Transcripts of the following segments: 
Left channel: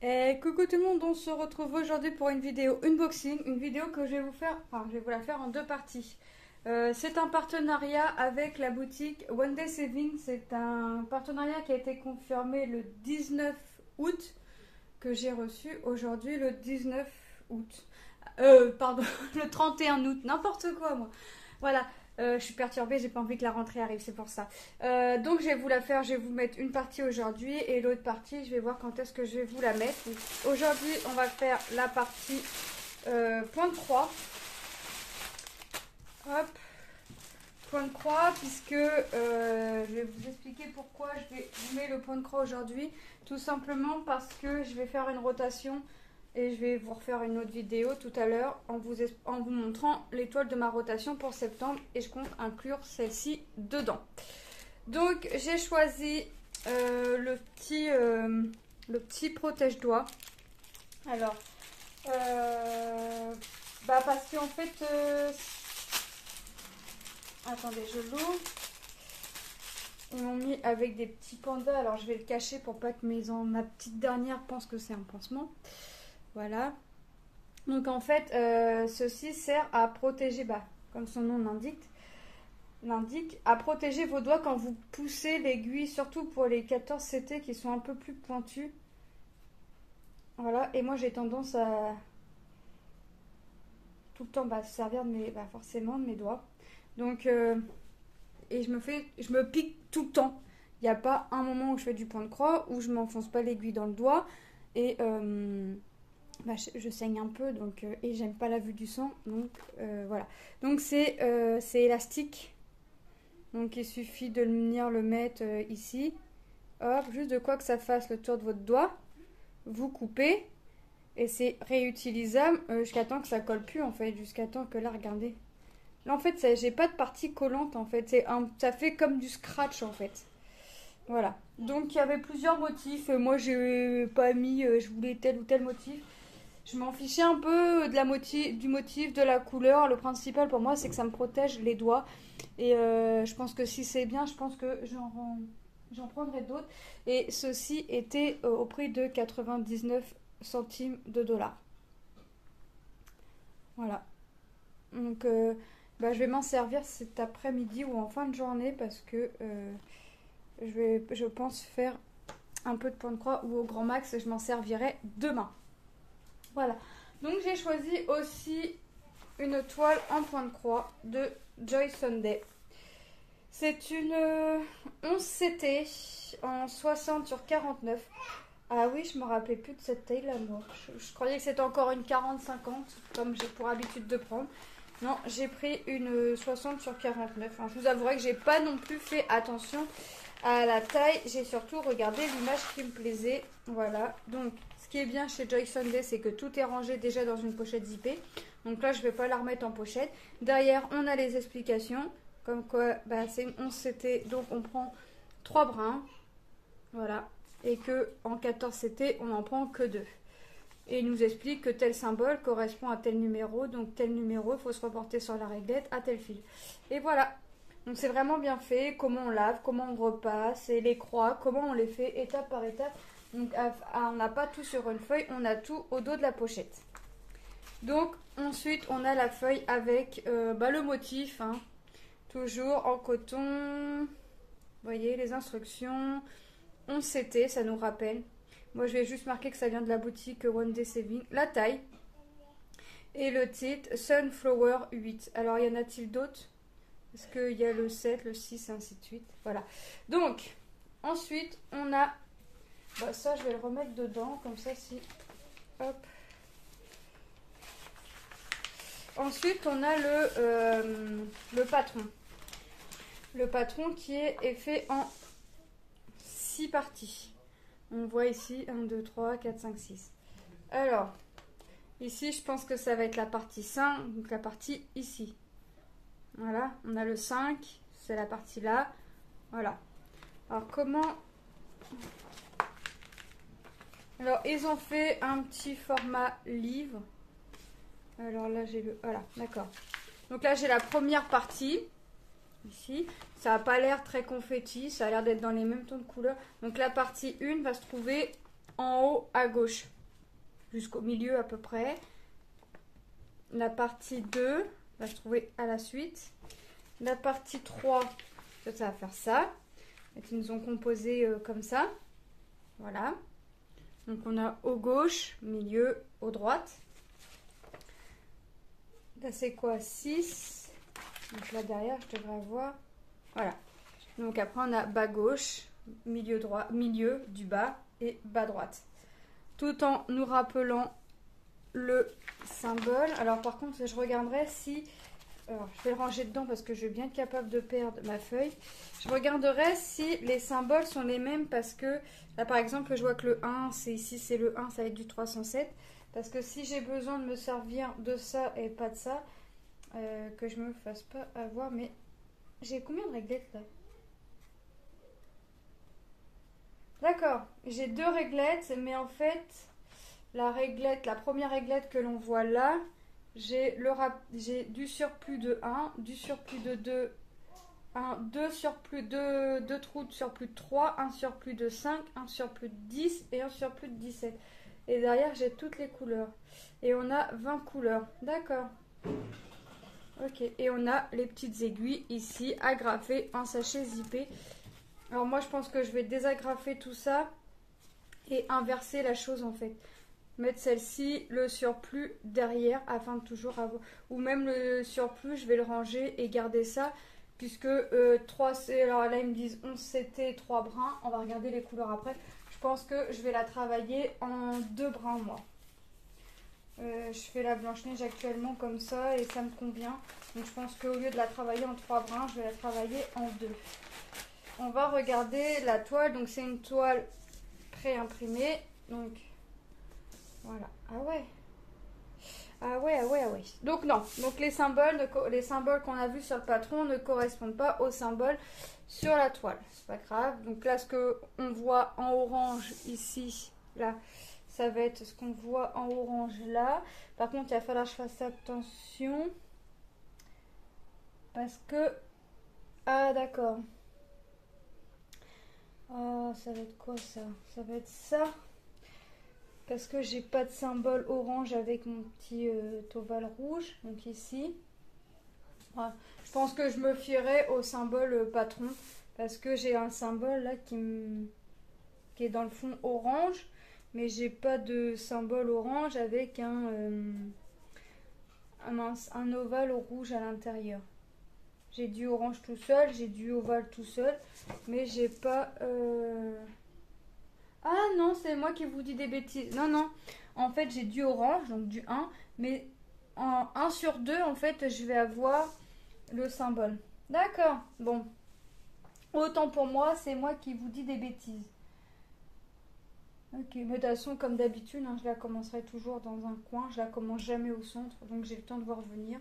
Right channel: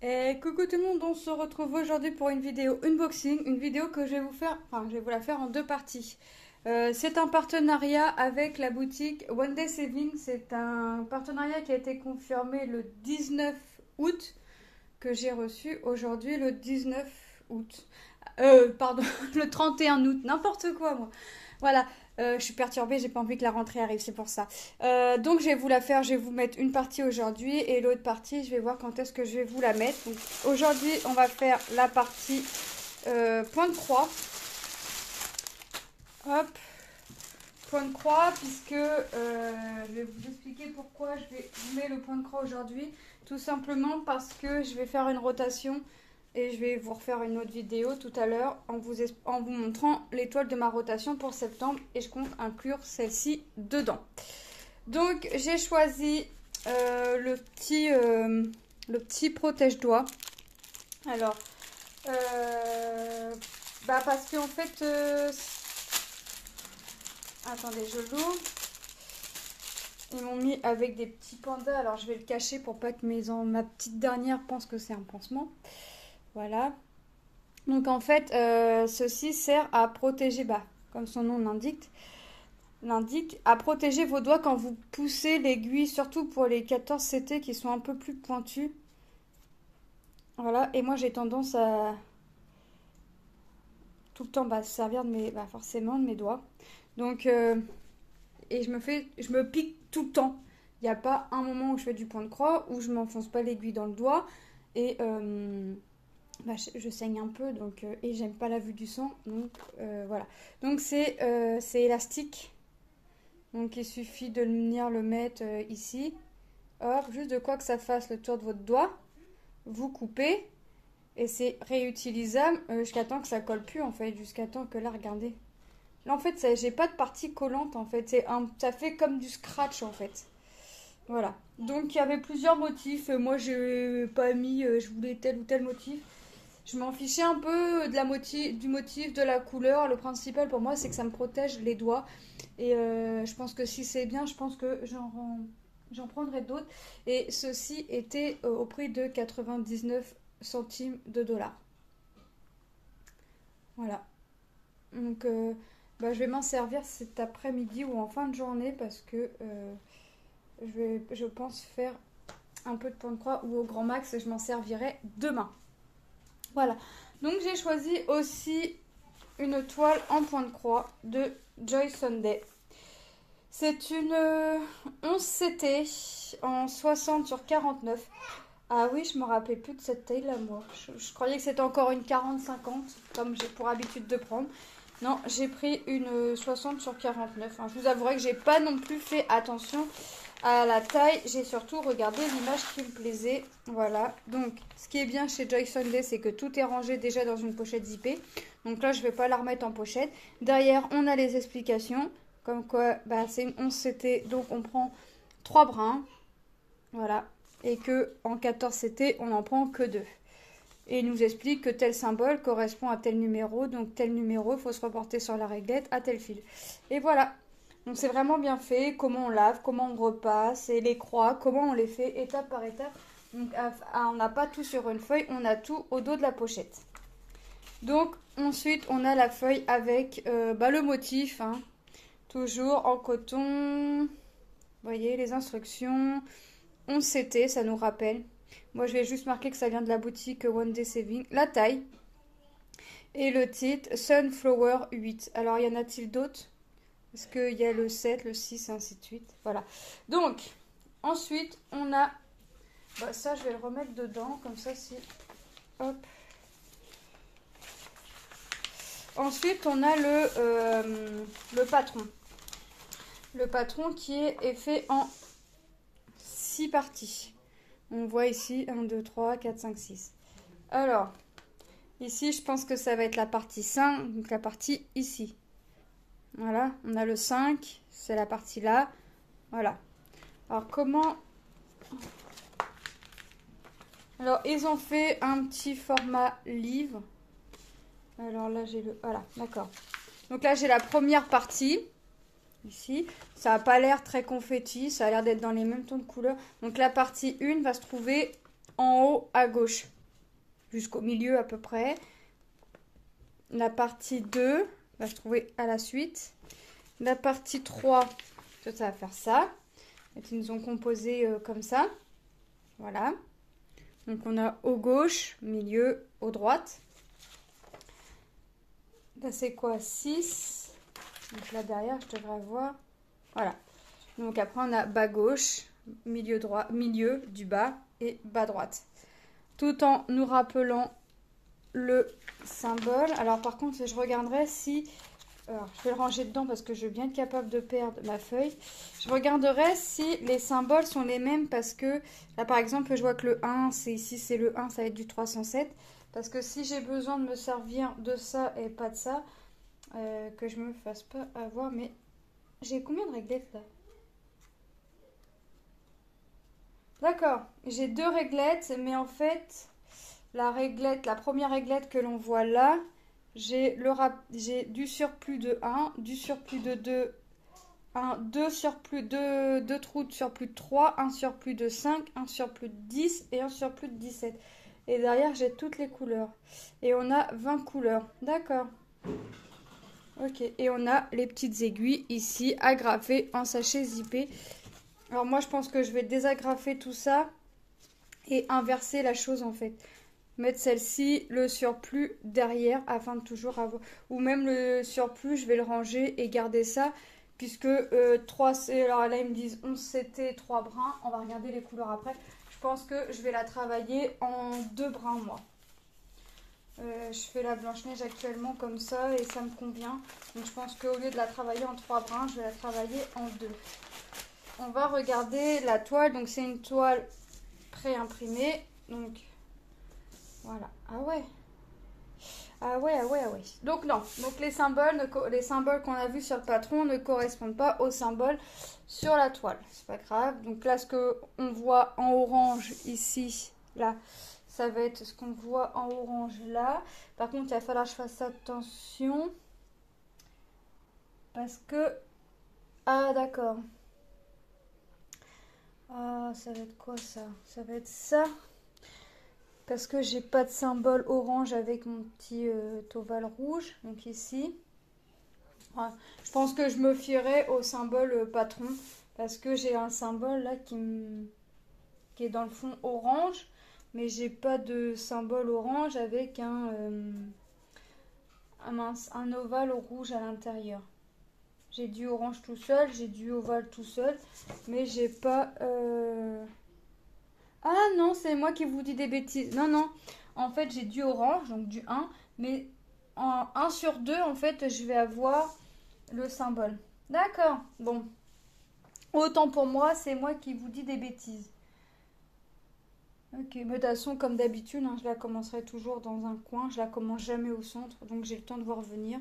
Et coucou tout le monde, on se retrouve aujourd'hui pour une vidéo unboxing, une vidéo que je vais vous faire, je vais vous la faire en deux parties. C'est un partenariat avec la boutique One Day Saving, c'est un partenariat qui a été confirmé le 19 août, que j'ai reçu aujourd'hui le 19 août. Pardon, le 31 août, n'importe quoi moi. Voilà, je suis perturbée, j'ai pas envie que la rentrée arrive, c'est pour ça. Donc je vais vous la faire, je vais vous mettre une partie aujourd'hui et l'autre partie, je vais voir quand est-ce que je vais vous la mettre. Aujourd'hui, on va faire la partie point de croix. Hop, point de croix, puisque je vais vous expliquer pourquoi je vais vous mettre le point de croix aujourd'hui. Tout simplement parce que je vais faire une rotation. Et je vais vous refaire une autre vidéo tout à l'heure en vous montrant l'étoile de ma rotation pour septembre. Et je compte inclure celle-ci dedans. Donc j'ai choisi le petit protège-doigts. Alors, parce qu'en fait... attendez, je l'ouvre. Ils m'ont mis avec des petits pandas. Alors je vais le cacher pour pas que ma petite dernière pense que c'est un pansement. Voilà. Donc en fait, ceci sert à protéger, comme son nom l'indique, à protéger vos doigts quand vous poussez l'aiguille, surtout pour les 14 CT qui sont un peu plus pointus. Voilà, et moi j'ai tendance à tout le temps servir de forcément de mes doigts. Donc, et je me pique tout le temps. Il n'y a pas un moment où je fais du point de croix, où je m'enfonce pas l'aiguille dans le doigt. Et... je saigne un peu donc et j'aime pas la vue du sang, donc voilà. Donc c'est élastique, donc il suffit de venir le mettre ici, hop, juste de quoi que ça fasse le tour de votre doigt, vous coupez et c'est réutilisable jusqu'à temps que ça colle plus en fait, jusqu'à temps que là, regardez, là en fait j'ai pas de partie collante en fait, ça fait comme du scratch en fait. Voilà, donc il y avait plusieurs motifs, moi j'ai pas mis, je voulais tel ou tel motif. Je m'en fichais un peu du motif, de la couleur. Le principal pour moi, c'est que ça me protège les doigts. Et je pense que si c'est bien, je pense que j'en prendrai d'autres. Et ceci était au prix de 99 centimes de dollars. Voilà. Donc, je vais m'en servir cet après-midi ou en fin de journée parce que je pense faire un peu de point de croix ou au grand max, je m'en servirai demain. Voilà, donc j'ai choisi aussi une toile en point de croix de Joy Sunday. C'est une 11 CT en 60 sur 49. Ah oui, je me rappelais plus de cette taille là, moi. Je croyais que c'était encore une 40-50, comme j'ai pour habitude de prendre. Non, j'ai pris une 60 sur 49. Je vous avouerai que j'ai pas non plus fait attention à la taille, j'ai surtout regardé l'image qui me plaisait. Voilà, donc ce qui est bien chez Joy Sunday, c'est que tout est rangé déjà dans une pochette zippée. Donc là, je vais pas la remettre en pochette. Derrière, on a les explications, comme quoi c'est une 11 CT, donc on prend 3 brins. Voilà, et que en 14 CT, on n'en prend que 2. Et il nous explique que tel symbole correspond à tel numéro, donc tel numéro, il faut se reporter sur la réglette à tel fil. Et voilà. Donc c'est vraiment bien fait, comment on lave, comment on repasse, et les croix, comment on les fait étape par étape. Donc on n'a pas tout sur une feuille, on a tout au dos de la pochette. Donc ensuite on a la feuille avec le motif, toujours en coton. Vous voyez les instructions, 11 CT, ça nous rappelle. Moi je vais juste marquer que ça vient de la boutique One Day Saving, la taille. Et le titre, Sunflower 8. Alors y en a-t-il d'autres ? Parce qu'il y a le 7, le 6, ainsi de suite. Voilà. Donc, ensuite, on a... ça, je vais le remettre dedans. Comme ça, si... Hop. Ensuite, on a le patron. Le patron qui est fait en 6 parties. On voit ici 1, 2, 3, 4, 5, 6. Alors, ici, je pense que ça va être la partie 5. Donc, la partie ici. Voilà, on a le 5, c'est la partie là. Voilà. Alors, comment... Alors, ils ont fait un petit format livre. Alors là, j'ai le... Voilà, d'accord. Donc là, j'ai la première partie. Ici. Ça n'a pas l'air très confetti. Ça a l'air d'être dans les mêmes tons de couleur. Donc, la partie 1 va se trouver en haut à gauche, jusqu'au milieu à peu près. La partie 2, on va se trouver à la suite. La partie 3, ça va faire ça. Et ils nous ont composé comme ça. Voilà. Donc on a au gauche, milieu, au droite. Là c'est quoi? 6. Donc là derrière, je devrais avoir. Voilà. Donc après on a bas gauche, milieu droit, milieu du bas et bas droite. Tout en nous rappelant le symbole. Alors par contre, je regarderai si... Alors, je vais le ranger dedans parce que je vais bien être capable de perdre ma feuille. Je regarderai si les symboles sont les mêmes parce que là par exemple je vois que le 1 c'est ici, c'est le 1, ça va être du 307. Parce que si j'ai besoin de me servir de ça et pas de ça, que je me fasse pas avoir. Mais j'ai combien de réglettes là? D'accord, j'ai 2 réglettes, mais en fait la première réglette que l'on voit là, j'ai du surplus de 1, du surplus de 2, 2 surplus de 2 trous de surplus de 3, un surplus de 5, un surplus de 10 et un surplus de 17. Et derrière, j'ai toutes les couleurs. Et on a 20 couleurs. D'accord. Ok. Et on a les petites aiguilles ici, agrafées en sachet zippé. Alors moi, je pense que je vais désagrafer tout ça et inverser la chose en fait. Mettre celle-ci, le surplus derrière afin de toujours avoir... Ou même le surplus, je vais le ranger et garder ça. Puisque 3, alors là ils me disent 11 CT, 3 brins. On va regarder les couleurs après. Je pense que je vais la travailler en 2 brins moi. Je fais la Blanche-Neige actuellement comme ça et ça me convient. Donc je pense qu'au lieu de la travailler en 3 brins, je vais la travailler en 2. On va regarder la toile. Donc c'est une toile pré-imprimée. Donc voilà. Ah ouais. Ah ouais, ah ouais, ah ouais. Donc non. Donc les symboles qu'on a vus sur le patron ne correspondent pas aux symboles sur la toile. C'est pas grave. Donc là, ce que on voit en orange ici, là, ça va être ce qu'on voit en orange là. Par contre, il va falloir que je fasse attention. Parce que... Ah d'accord. Ah, ça va être quoi ça? Ça va être ça. Parce que j'ai pas de symbole orange avec mon petit ovale rouge. Donc ici. Ouais. Je pense que je me fierai au symbole patron. Parce que j'ai un symbole là qui est dans le fond orange. Mais j'ai pas de symbole orange avec un ovale rouge à l'intérieur. J'ai du orange tout seul, j'ai du ovale tout seul. Mais j'ai pas... Ah non, c'est moi qui vous dis des bêtises. Non, non. En fait, j'ai du orange, donc du 1. Mais en 1 sur 2, en fait, je vais avoir le symbole. D'accord. Bon. Autant pour moi, c'est moi qui vous dis des bêtises. Ok, mais de toute façon, comme d'habitude, hein, je la commencerai toujours dans un coin. Je la commence jamais au centre, donc j'ai le temps de voir venir.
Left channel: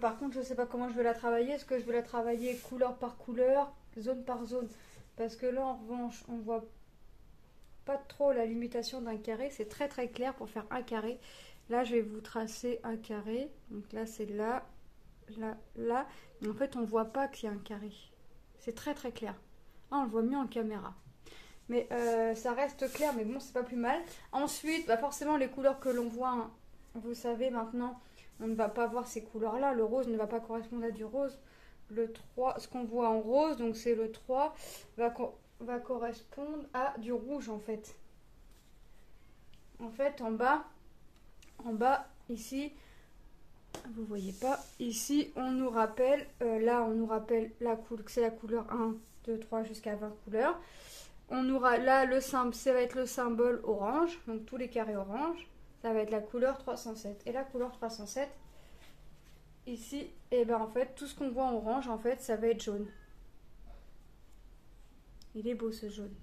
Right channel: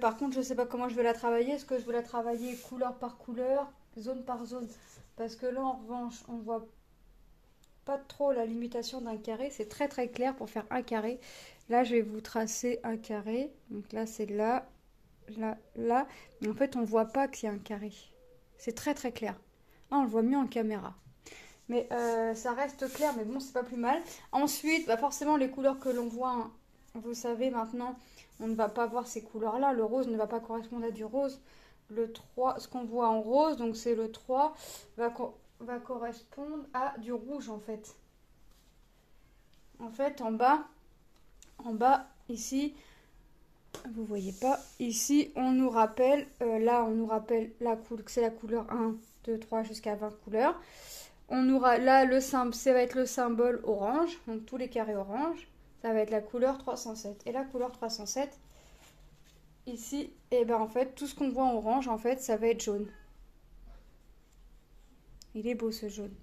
Par contre, je sais pas comment je vais la travailler. Est-ce que je vais la travailler couleur par couleur, zone par zone? Parce que là, en revanche, on voit pas trop la limitation d'un carré. C'est très très clair pour faire un carré. Là, je vais vous tracer un carré. Donc là, c'est là, là, là. Mais en fait, on voit pas qu'il y a un carré. C'est très très clair. Là, on le voit mieux en caméra. Mais ça reste clair, mais bon, c'est pas plus mal. Ensuite, bah forcément, les couleurs que l'on voit, hein, vous savez maintenant, on ne va pas voir ces couleurs-là. Le rose ne va pas correspondre à du rose. Le 3, ce qu'on voit en rose, donc c'est le 3, va correspondre à du rouge en fait. En fait, en bas, ici, vous voyez pas, ici, on nous rappelle, là, on nous rappelle que c'est la couleur 1, 2, 3 jusqu'à 20 couleurs. On aura là le symbole, ça va être le symbole orange, donc tous les carrés orange, ça va être la couleur 307. Et la couleur 307, ici, et ben en fait, tout ce qu'on voit en orange, en fait, ça va être jaune. Il est beau ce jaune.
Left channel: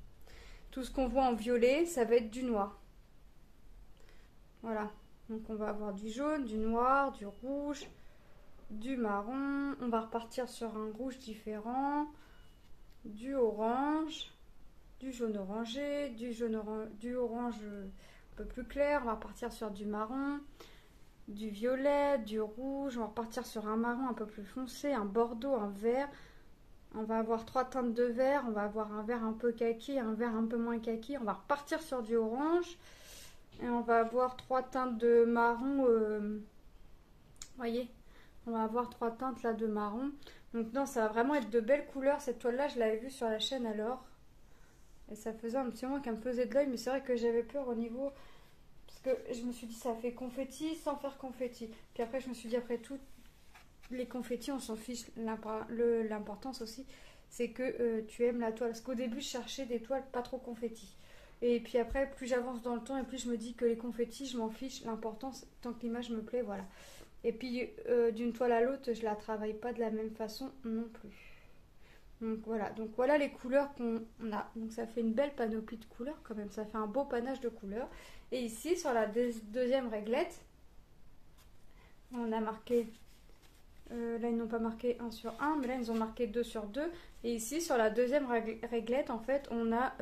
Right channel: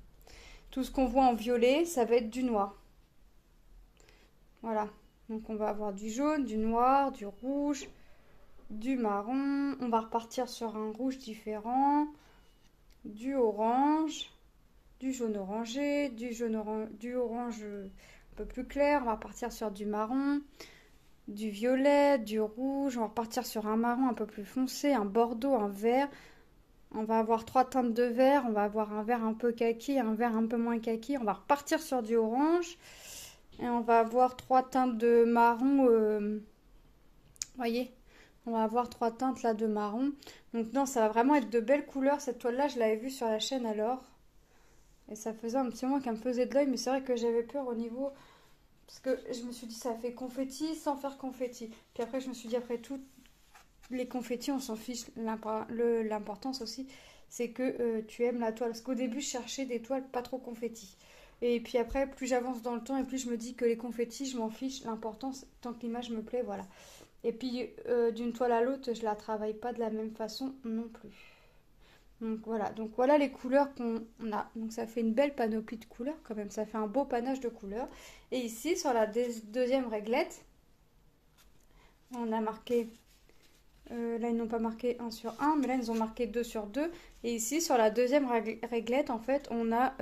Tout ce qu'on voit en violet, ça va être du noir. Voilà. Donc on va avoir du jaune, du noir, du rouge, du marron. On va repartir sur un rouge différent, du orange, du jaune orangé, du orange un peu plus clair. On va repartir sur du marron, du violet, du rouge. On va repartir sur un marron un peu plus foncé, un bordeaux, un vert, On va avoir 3 teintes de vert. On va avoir un vert un peu kaki, un vert un peu moins kaki. On va repartir sur du orange. Et on va avoir 3 teintes de marron. Voyez, on va avoir 3 teintes là de marron. Donc non, ça va vraiment être de belles couleurs. Cette toile-là, je l'avais vue sur la chaîne alors. Et ça faisait un petit moment qu'elle me faisait de l'œil. Mais c'est vrai que j'avais peur au niveau... Parce que je me suis dit, ça fait confetti sans faire confetti. Puis après, je me suis dit, après tout, les confettis, on s'en fiche. L'importance aussi, c'est que tu aimes la toile. Parce qu'au début, je cherchais des toiles pas trop confetti. Et puis après, plus j'avance dans le temps et plus je me dis que les confettis, je m'en fiche. L'importance, tant que l'image me plaît, voilà. Et puis, d'une toile à l'autre, je la travaille pas de la même façon non plus. Donc voilà les couleurs qu'on a. Donc ça fait une belle panoplie de couleurs quand même. Ça fait un beau panache de couleurs. Et ici, sur la deuxième réglette, on a marqué... là, ils n'ont pas marqué 1 sur 1, mais là, ils ont marqué 2 sur 2. Et ici, sur la deuxième réglette, en fait, on a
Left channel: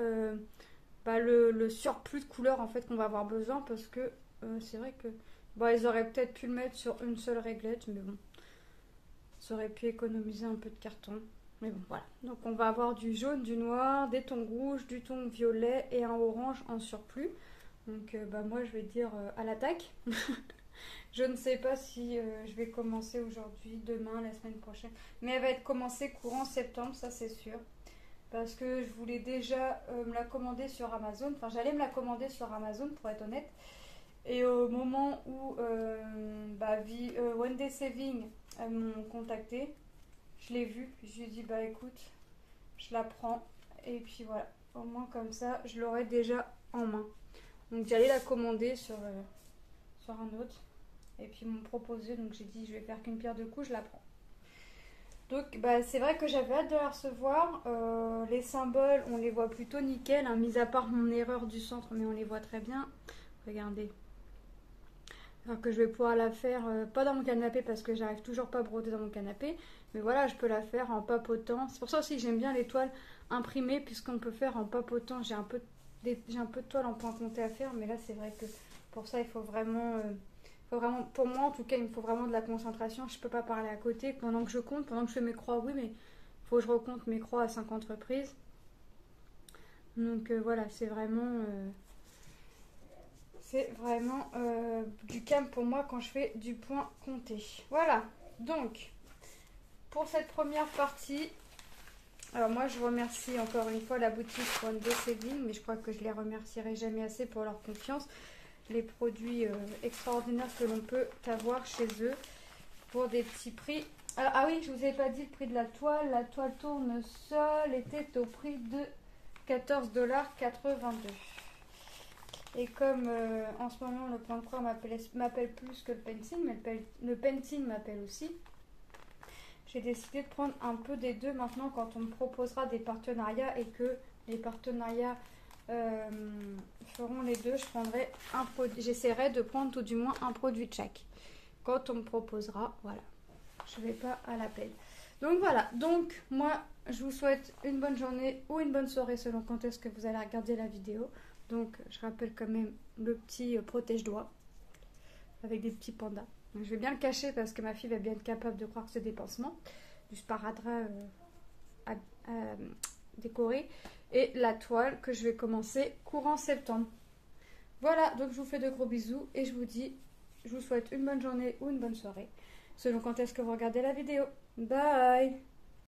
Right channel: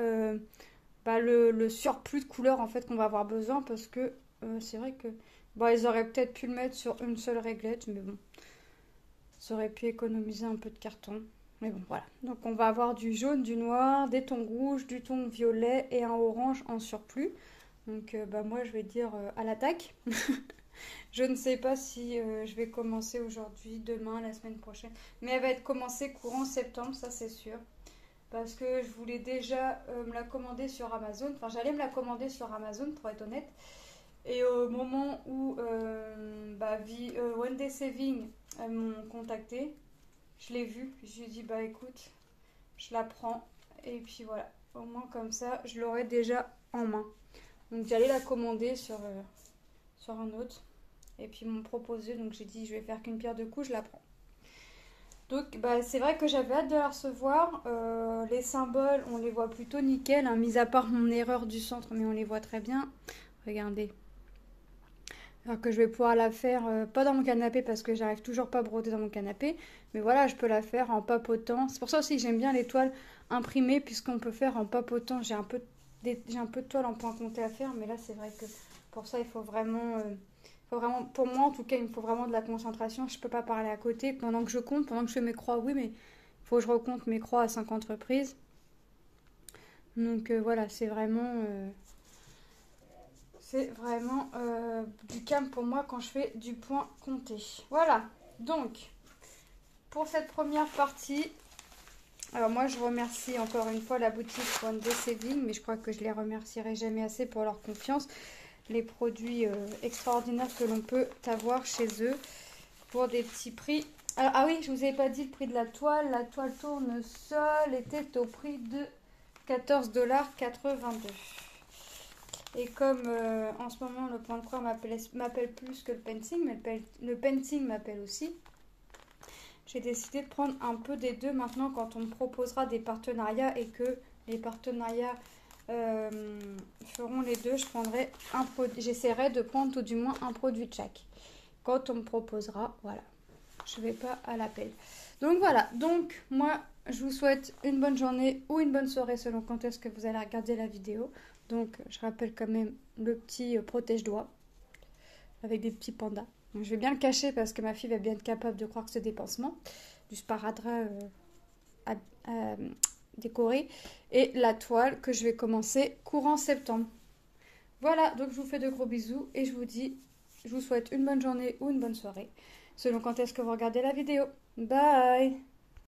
le surplus de couleurs en fait, qu'on va avoir besoin. Parce que c'est vrai que... Bon, ils auraient peut-être pu le mettre sur une seule réglette, mais bon. Ça aurait pu économiser un peu de carton. Mais bon, voilà. Donc, on va avoir du jaune, du noir, des tons rouges, du ton violet et un orange en surplus. Donc, moi, je vais dire à l'attaque. Je ne sais pas si je vais commencer aujourd'hui, demain, la semaine prochaine. Mais elle va être commencée courant septembre, ça c'est sûr. Parce que je voulais déjà me la commander sur Amazon. Enfin, j'allais me la commander sur Amazon, pour être honnête. Et au moment où One Day Saving m'ont contacté, je l'ai vue. Je lui ai dit, bah écoute, je la prends. Et puis voilà, au moins comme ça, je l'aurai déjà en main. Donc j'allais la commander sur un autre. Et puis ils m'ont proposé, donc j'ai dit, je vais faire qu'une pierre deux coups, je la prends. Donc c'est vrai que j'avais hâte de la recevoir. Les symboles, on les voit plutôt nickel, hein, mis à part mon erreur du centre, mais on les voit très bien. Regardez. Alors que je vais pouvoir la faire, pas dans mon canapé parce que j'arrive toujours pas à broder dans mon canapé. Mais voilà, je peux la faire en papotant. C'est pour ça aussi que j'aime bien les toiles imprimées puisqu'on peut faire en papotant. J'ai un peu de toile en point compté à faire, mais là c'est vrai que pour ça il faut vraiment, pour moi en tout cas, il me faut vraiment de la concentration. Je peux pas parler à côté pendant que je compte, pendant que je fais mes croix, oui, mais il faut que je recompte mes croix à 50 reprises. Donc voilà, c'est vraiment... du calme pour moi quand je fais du point compté. Voilà, donc pour cette première partie, alors moi je remercie encore une fois la boutique One Day Saving, mais je crois que je les remercierai jamais assez pour leur confiance. Les produits extraordinaires que l'on peut avoir chez eux pour des petits prix. Ah oui, je vous avais pas dit le prix de la toile. La toile tournesol était au prix de 14,82 $. Et comme en ce moment le point de croix m'appelle plus que le painting, mais le painting m'appelle aussi, j'ai décidé de prendre un peu des deux maintenant quand on me proposera des partenariats et que les partenariats feront les deux. Je prendrai un produit, j'essaierai de prendre tout du moins un produit de chaque. Quand on me proposera, voilà, je ne vais pas à l'appel. Donc voilà, donc moi je vous souhaite une bonne journée ou une bonne soirée selon quand est-ce que vous allez regarder la vidéo. Donc, je rappelle quand même le petit protège-doigts avec des petits pandas. Donc, je vais bien le cacher parce que ma fille va bien être capable de croire que c'est des pansements. Du sparadrap décoré. Et la toile que je vais commencer courant septembre. Voilà, donc je vous fais de gros bisous et je vous souhaite une bonne journée ou une bonne soirée selon quand est-ce que vous regardez la vidéo. Bye!